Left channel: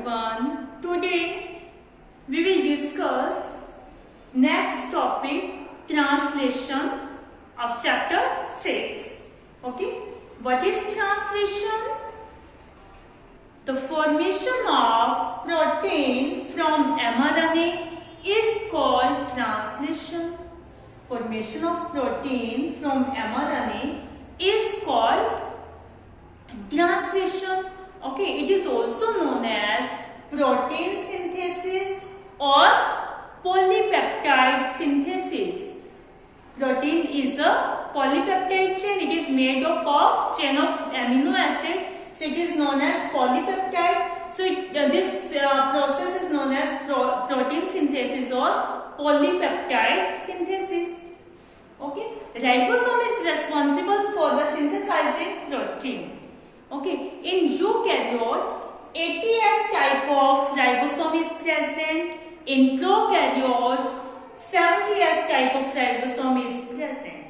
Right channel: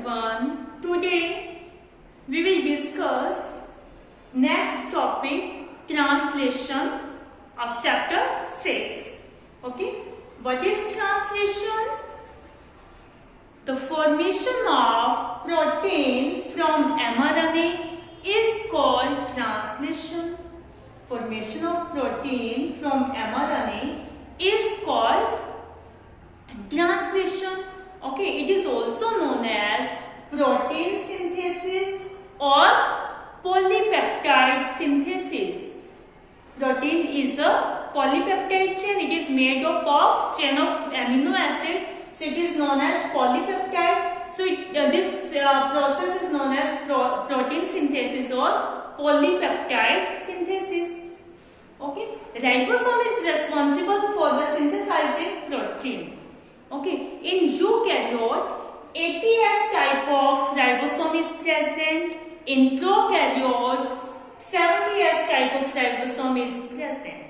everyone. Today we will discuss next topic, translation of chapter 6. Okay, what is translation? The formation of protein from mRNA is called translation. Formation of protein from mRNA is called translation. Okay, it is also known as protein synthesis or polypeptide synthesis. Protein is a polypeptide chain. It is made up of chain of amino acid. So it is known as polypeptide. So this process is known as protein synthesis or polypeptide synthesis. Okay, ribosome is responsible for the synthesizing protein. Okay, in eukaryote, ATS type of ribosome is present. In prokaryotes, 70S type of ribosome is present.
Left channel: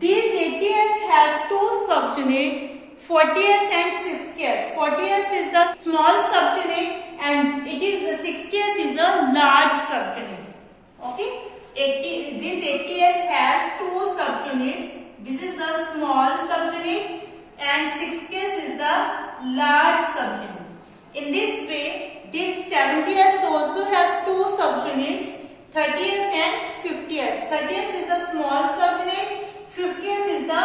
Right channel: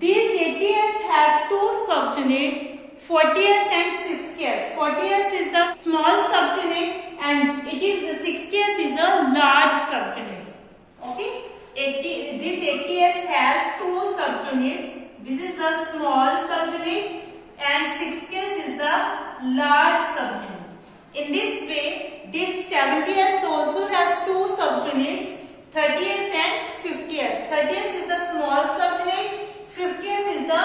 This ATS has two subunits, 40S and 60S. 40S is the small subunit and this 60S is a large subunit. Okay, this ATS has two subunits. This is the small subunit and 60S is the large subunit. In this way, this 70S also has two subunits, 30S and 50S. 30S is the small subunit, 50S is the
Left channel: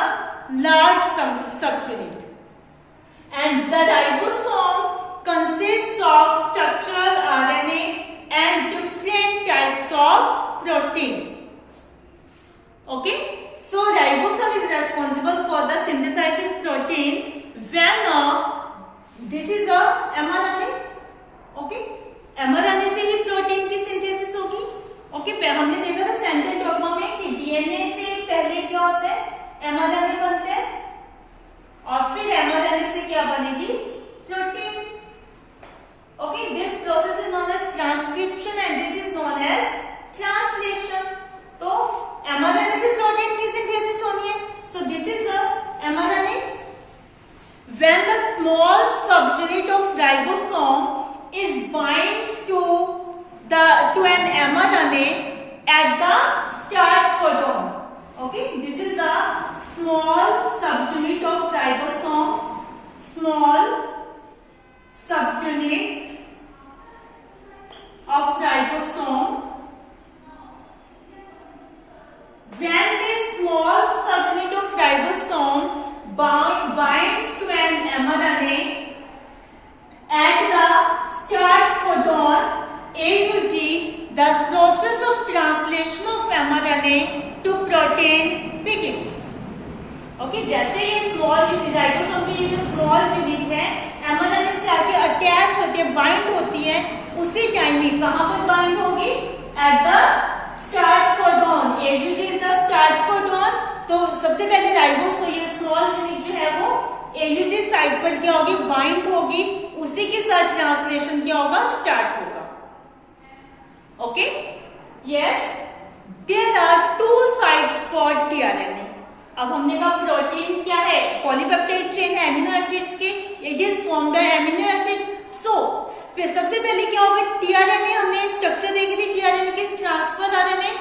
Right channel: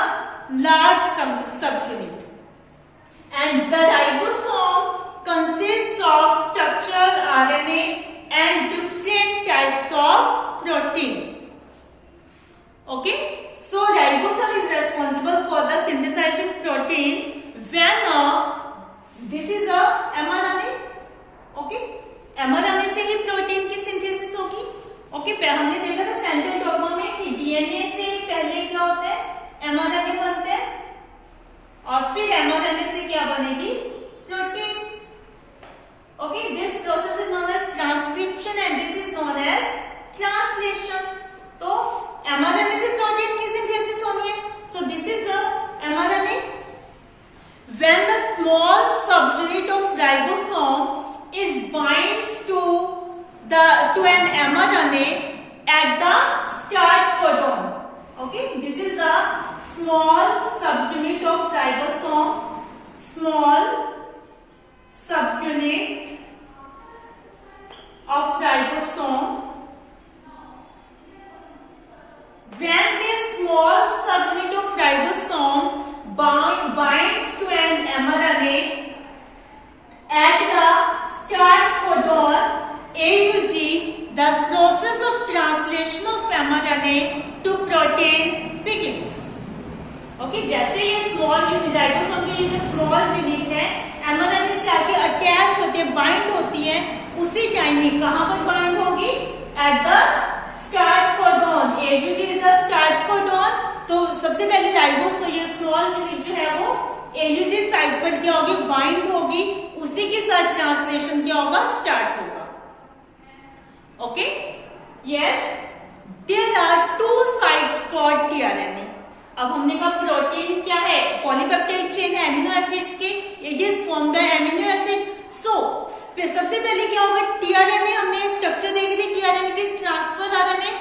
large subunit. And the ribosome consists of structural RNA and different types of protein. Okay? So ribosome is responsible for the synthesizing protein when this is a mRNA. Okay, mRNA से ही protein की synthesis होगी. Okay, हमने देखा था central dogma में कि DNA से पहले क्या होता है, mRNA बनते हैं और फिर mRNA से क्या बनेगी, protein. Okay, this process is known as transcription and this is known as translation. तो mRNA से प्रोटीन की सिंथेसिस होनी है. So this is a mRNA. When the small subunit of ribosome is binds to an mRNA at the start codon. Okay, this is the small subunit of ribosome. Small subunit of ribosome. When this small subunit of ribosome binds to an mRNA at the start codon AUG, the process of translation of mRNA to protein begins. Okay, जैसे ये small unit ribosome की जो small unit है mRNA से आके attach होती है, bind होती है, उसी टाइम में कहाँ पर बाइंड होगी, at the start codon. AUG is the start codon. तो सबसे पहले राइबोसोम ये स्मॉल यूनिट जो है वो AUG साइट पर क्या होगी, बाइंड होगी, उसी के साथ ट्रांसलेशन क्या होगा, स्टार्ट होगा. Okay, yes, there are two sites for tRNA. अब हमने कहा प्रोटीन क्या है, पॉलीपेप्टाइड चेन है एमिनो एसिड्स की, it is formed by amino acid. So सबसे पहले क्या होगा, tRNA हमने स्ट्रक्चर देखी थी, tRNA की transfer RNA.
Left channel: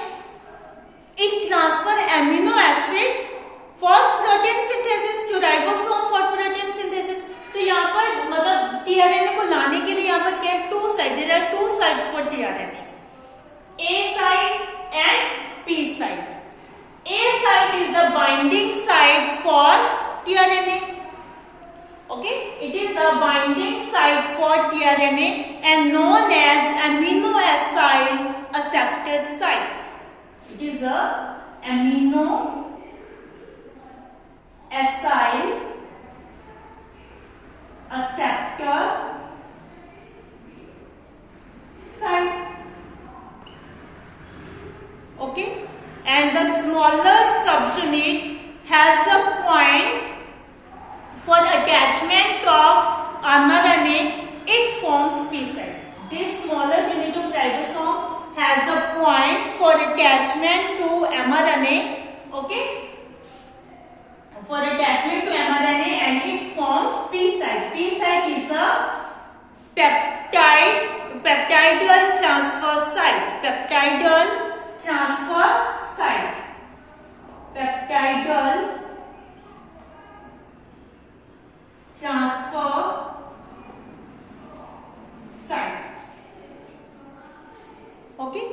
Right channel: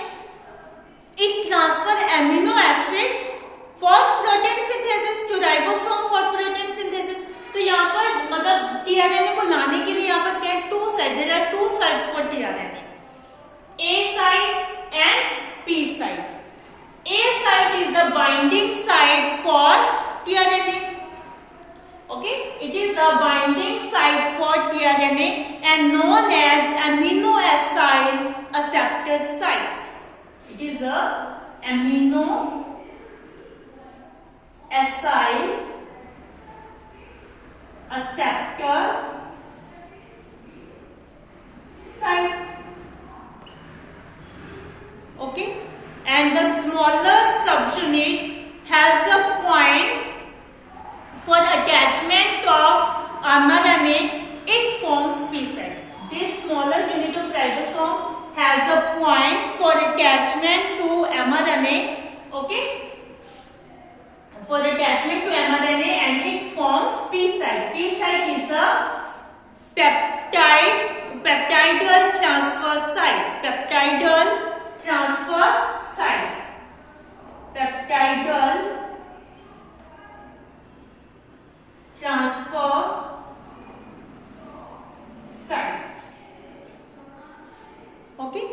It transfer amino acid for protein synthesis to ribosome for protein synthesis. तो यहाँ पर मतलब tRNA को लाने के लिए यहाँ पर क्या है, two sides. There are two sides for tRNA, A site and P site. A site is the binding site for tRNA. Okay, it is a binding site for tRNA and known as amino acyl acceptor site. It is a amino acyl acceptor site. Okay, and the smaller subunit has a point for attachment of mRNA. It forms P site. This smaller unit of ribosome has a point for attachment to mRNA. Okay, for attachment to mRNA and it forms P site. P site is a peptidal transfer site, peptidal transfer site, peptidal transfer site. Okay,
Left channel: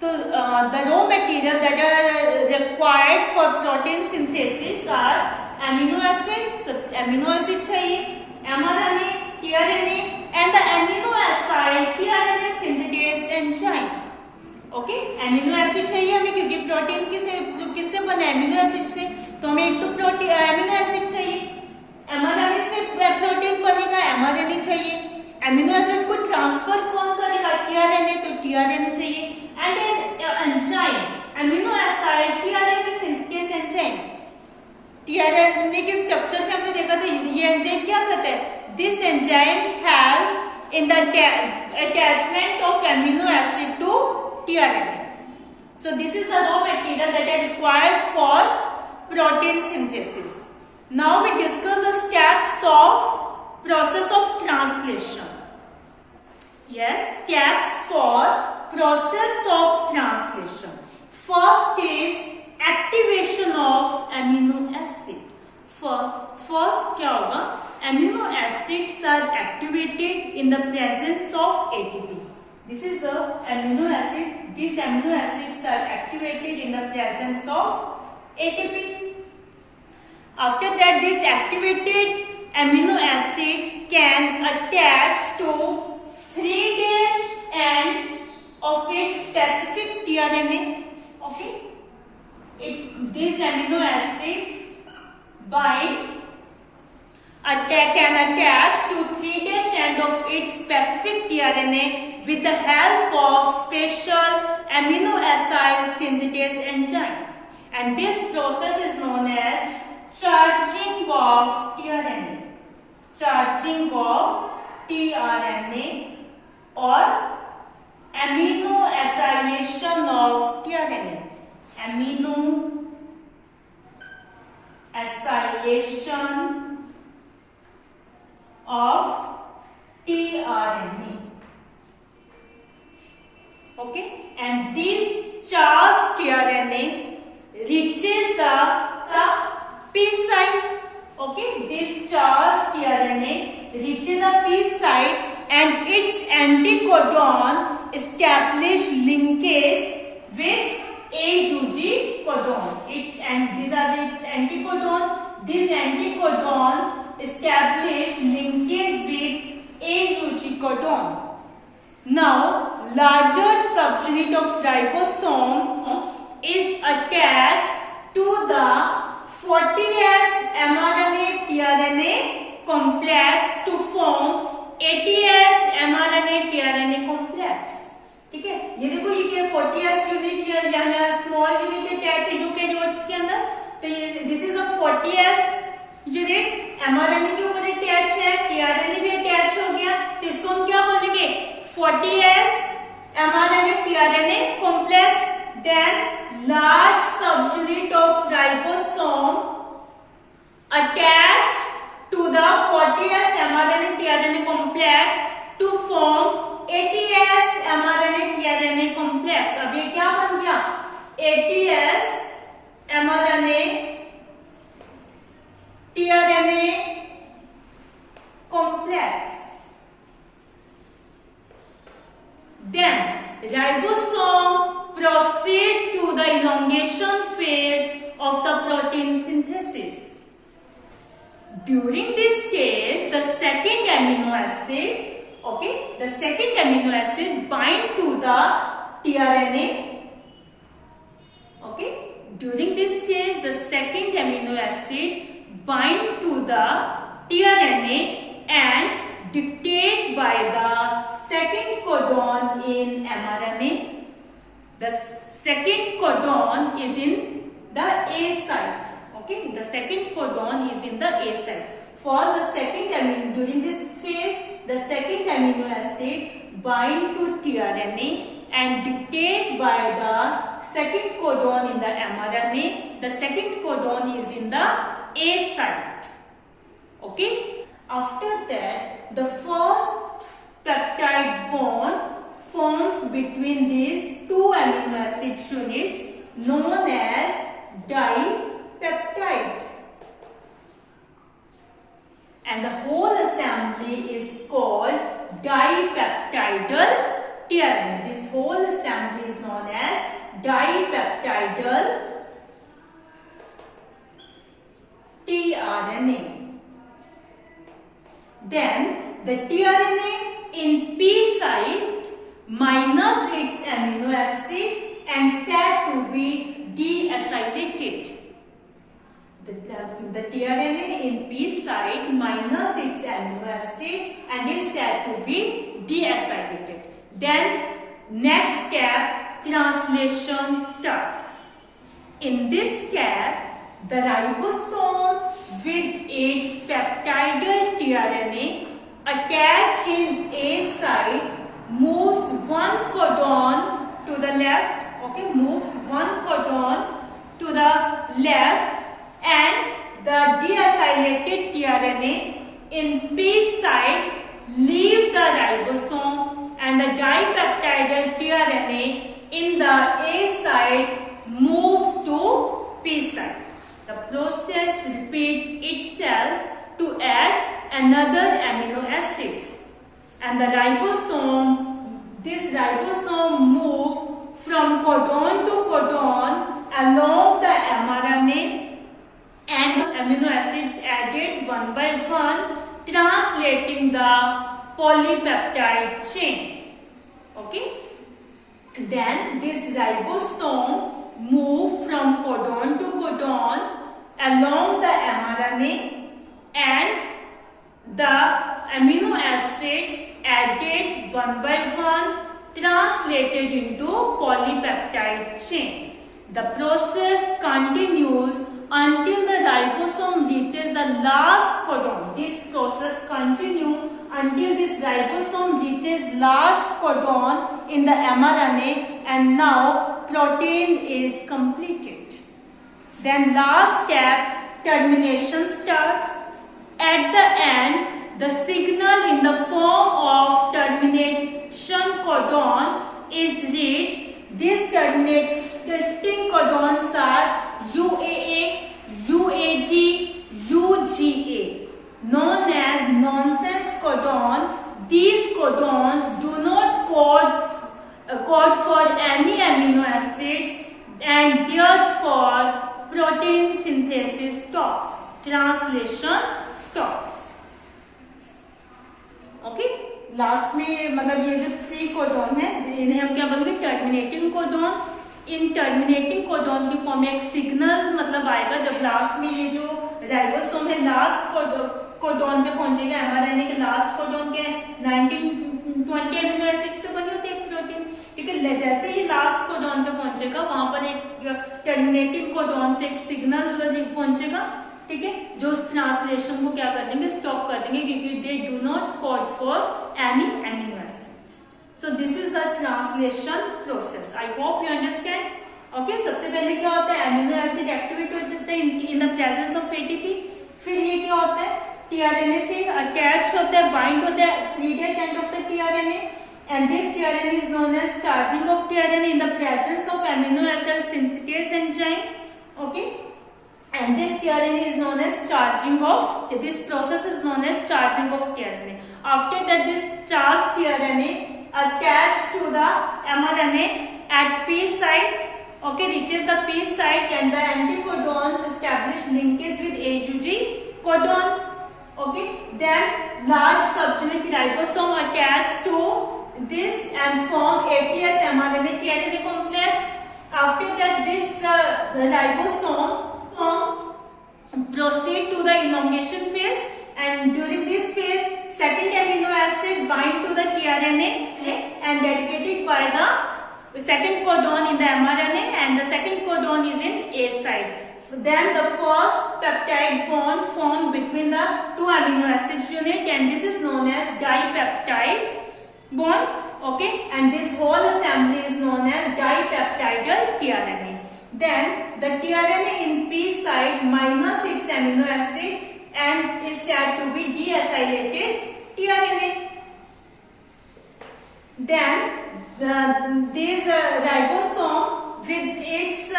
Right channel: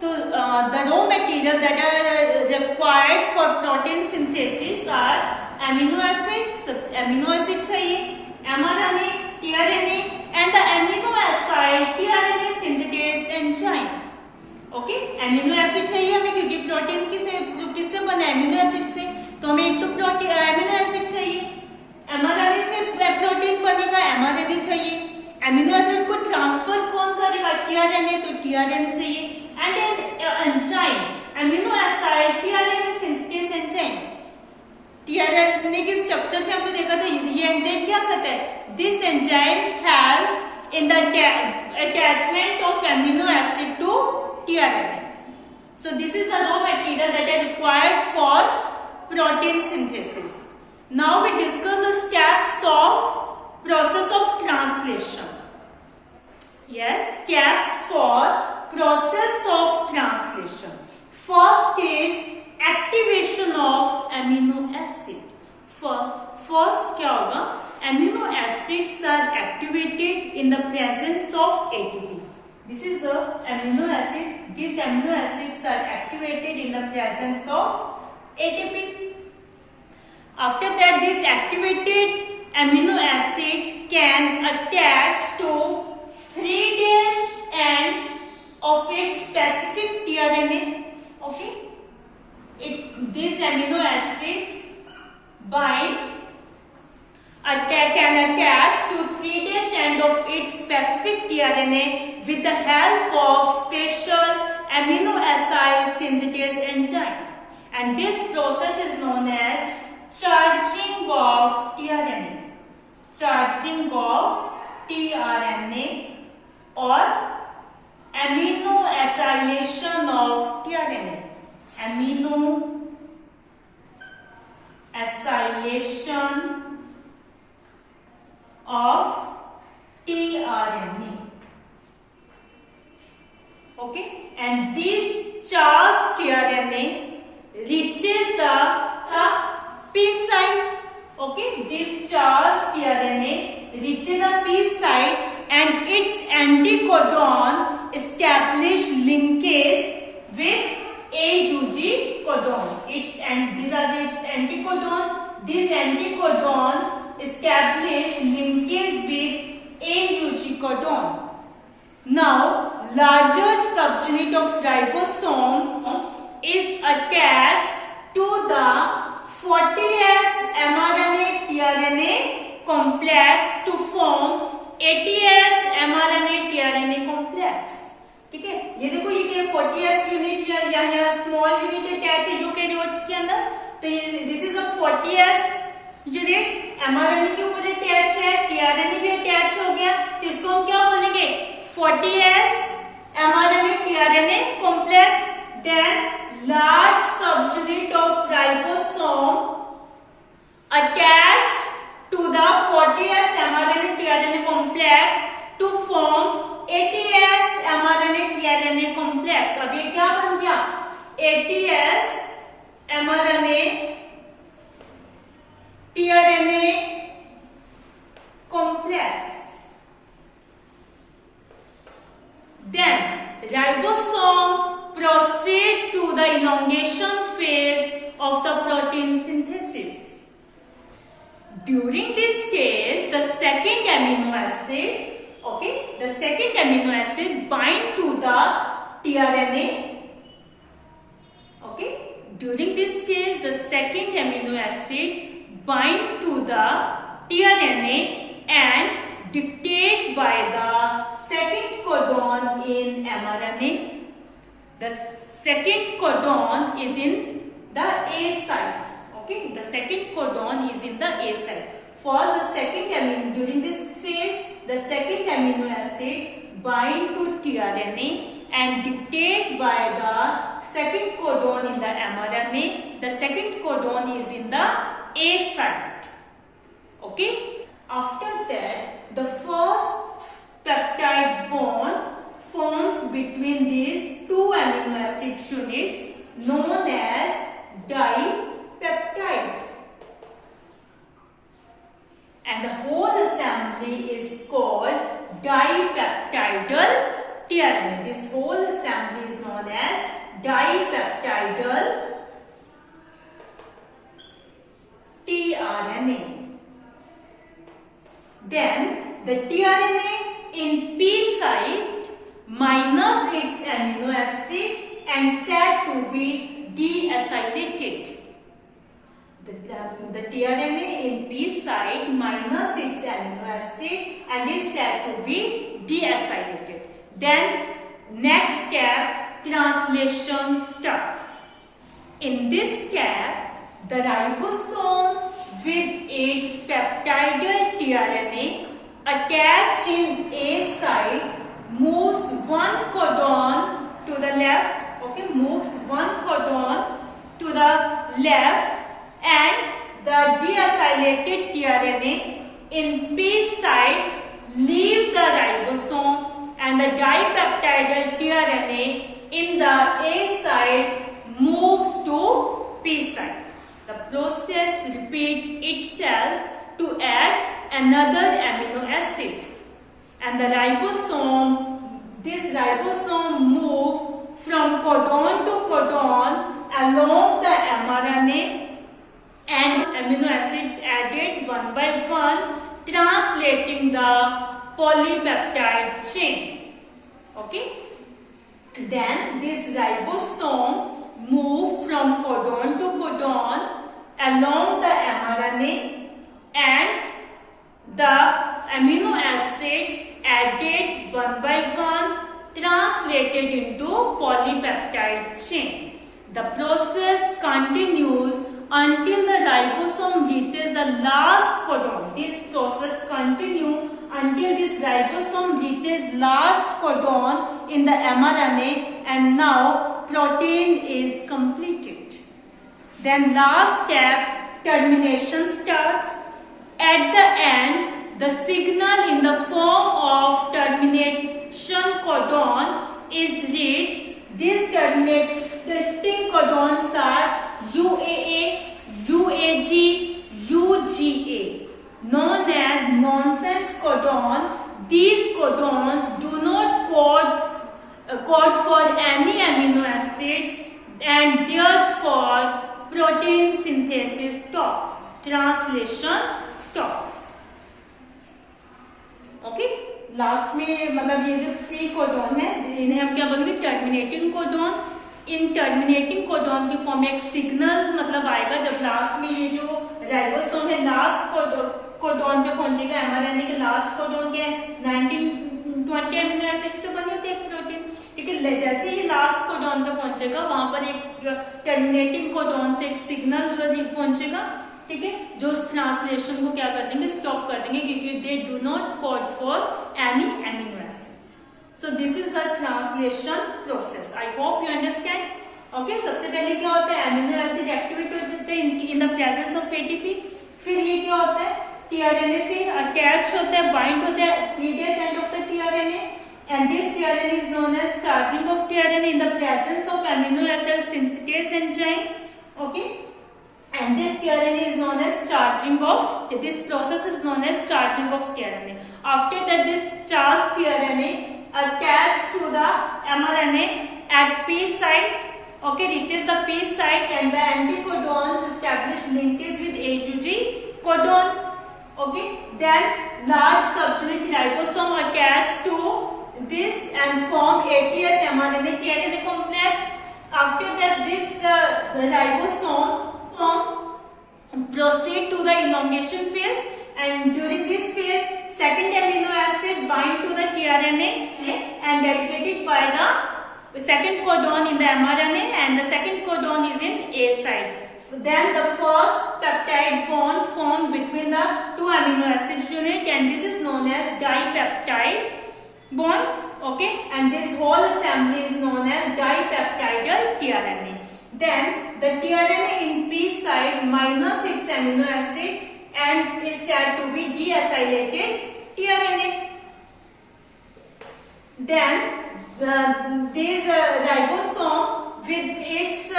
so the raw material that are required for protein synthesis are amino acid चाहिए, mRNA, tRNA, and the amino acid tRNA synthetase enzyme. Okay, amino acid चाहिए हमें, क्योंकि protein किससे बना है, amino acid से, तो हमें एक तो प्रोटीन एमिनो एसिड चाहिए, एमआरएनए से प्रोटीन बनेगा, एमआरएनए चाहिए, एमिनो एसिड को ट्रांसफर कौन करेगा, टीआरएनए, तो टीआरएनए चाहिए, and enzyme amino acid tRNA synthase enzyme. TRNA के स्ट्रक्चर में हमने देखा था ये एंजाइम क्या करता है, this enzyme help in the attachment of amino acid to tRNA. So this is the raw material that are required for protein synthesis. Now we discuss the steps of process of translation. Yes, steps for process of translation. First is activation of amino acid. First क्या होगा, amino acids are activated in the presence of ATP. This is the amino acid. These amino acids are activated in the presence of ATP. After that, this activated amino acid can attach to 3' end of its specific tRNA. Okay, these amino acids can attach to 3' end of its specific tRNA with the help of special amino acid synthetase enzyme, and this process is known as charging of tRNA, charging of tRNA, or amino acylation of tRNA, amino acylation of tRNA. Okay, and this charged tRNA reaches the P site. Okay, this charged tRNA reaches the P site, and its anticodon establish linkage with AUG codon. These are its anticodon. This anticodon establish linkage with AUG codon. Now, larger subunit of ribosome is attached to the 40S mRNA tRNA complex to form 80S mRNA tRNA complex. ठीक है, ये देखो ये 40S unit या small unit attach है eukaryotes के अंदर, तो this is a 40S unit, mRNA के ऊपर अटैच है, tRNA भी अटैच हो गया, तो इसको हम क्या बोलेंगे, 40S mRNA tRNA complex. Then large subunit of ribosome attached to the 40S mRNA tRNA complex to form 80S mRNA tRNA complex. अब ये क्या बन गया, 80S mRNA tRNA complex. Then ribosome proceed to the elongation phase of the protein synthesis. During this stage, the second amino acid bind to the tRNA. Okay, during this stage, the second amino acid bind to the tRNA and dictate by the second codon in mRNA. The second codon is in the A site. Okay, the second codon is in the A site. For the second amino, during this phase, the second amino acid bind to tRNA and dictate by the second codon in the mRNA. The second codon is in the A site. Okay. After that, the first peptide bond forms between these two amino acid units known as dipeptide. And the whole assembly is called dipeptidal tRNA. This whole assembly is known as dipeptidal tRNA. Then the tRNA in P site minus its amino acid and said to be deacylated. The tRNA in P site minus its amino acid and is said to be deacylated. Then next step, translation starts. In this step, the ribosome with its peptidal tRNA attached in A site moves one codon to the left, okay, moves one codon to the left, and the deacylated tRNA in P site leave the ribosome and the dipeptidal tRNA in the A site moves to P site. The process repeats itself to add another amino acids, and the ribosome, this ribosome moves from codon to codon along the mRNA, and amino acids added one by one, translating the polypeptide chain. Okay. Then this ribosome moves from codon to codon along the mRNA, and the amino acids added one by one translated into polypeptide chain. The process continues until the ribosome reaches the last codon. This process continues until this ribosome reaches last codon in the mRNA, and now protein is completed. Then last step, termination starts. At the end, the signal in the form of termination codon is reached. These terminating codons are UAA, UAG, UGA, known as nonsense codon. These codons do not code for any amino acids, and therefore protein synthesis stops, translation stops. Okay, last में मतलब ये जो 3 codon है इन्हें हम क्या बोलेंगे, terminating codon. इन terminating codon की फॉर्म में एक सिग्नल मतलब आएगा जब लास्ट में ये जो राइबोसोम है लास्ट कोडॉन पे पहुंचेगा. एमआरएनए के लास्ट कोडॉन के 19-20 अमीनो एसिड से बने होते हैं प्रोटीन. ठीक है, जैसे ही लास्ट कोडॉन पे पहुंचेगा वहां पर एक टर्मिनेटिंग कोडॉन से एक सिग्नल पहुंचेगा. ठीक है, जो उस ट्रांसलेशन को क्या कर देंगे, स्टॉप कर देंगे, क्योंकि they do not code for any amino acids. So this is a translation process. I hope you understand. Okay, सबसे पहले क्या होता है, एमिनो एसिड एक्टिवेट होते हैं in the presence of ATP. फिर ये क्या होता है, टीआरएनए से अटैच होता है, बाइंड होता है 3' end of the tRNA, and this tRNA is known as charging of tRNA in the presence of amino acid synthetase enzyme. Okay, and this tRNA is known as charging of, this process is known as charging of tRNA. After that, this charged tRNA attached to the mRNA at P site, okay, reaches the P site, and the anticodons establish linkage with AUG codon. Okay, then large subunit ribosome attached to this and form ATS mRNA tRNA complex. After that, this ribosome proceed to the elongation phase, and during this phase, second amino acid bind to the tRNA and dedicated by the second codon in the mRNA, and the second codon is in A site. So then the first peptide bond formed between the two amino acid unit, and this is known as dipeptide bond. Okay, and this whole assembly is known as dipeptidal tRNA. Then the tRNA in P site minus its amino acid and is said to be deacylated tRNA. then this ribosome with its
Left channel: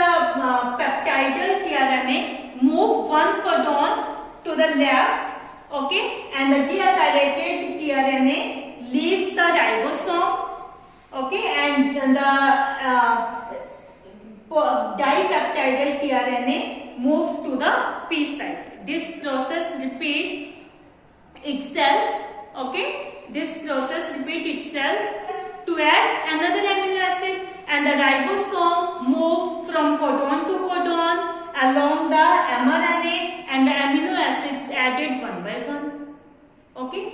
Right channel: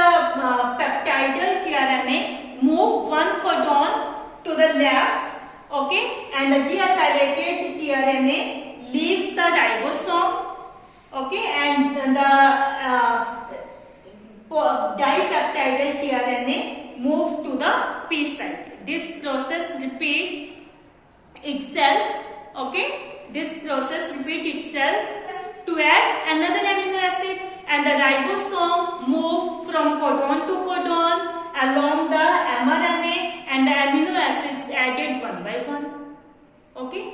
peptidal tRNA move one codon to the left, okay, and the deacylated tRNA leaves the ribosome, okay, and the dipeptidal tRNA moves to the P site. This process repeats itself, okay, this process repeats itself to add another amino acid, and the ribosome move from codon to codon along the mRNA, and the amino acids added one by one, okay.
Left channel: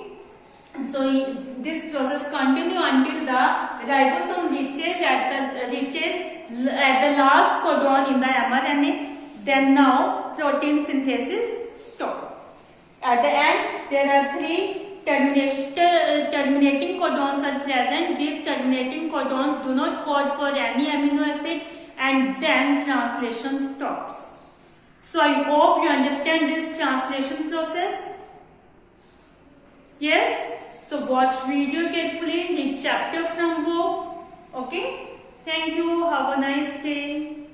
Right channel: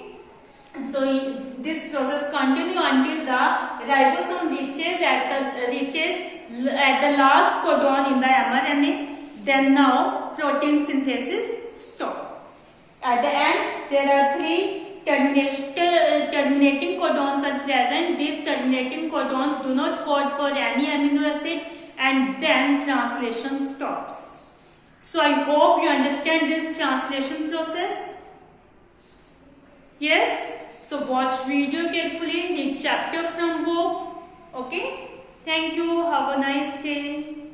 So this process continue until the ribosome reaches at the last codon in the mRNA. Then now protein synthesis stop. At the end, there are three terminating codons are present. These terminating codons do not code for any amino acid, and then translation stops. So I hope you understand this translation process. Yes? So watch video carefully, read chapter from book. Okay? Thank you. Have a nice day.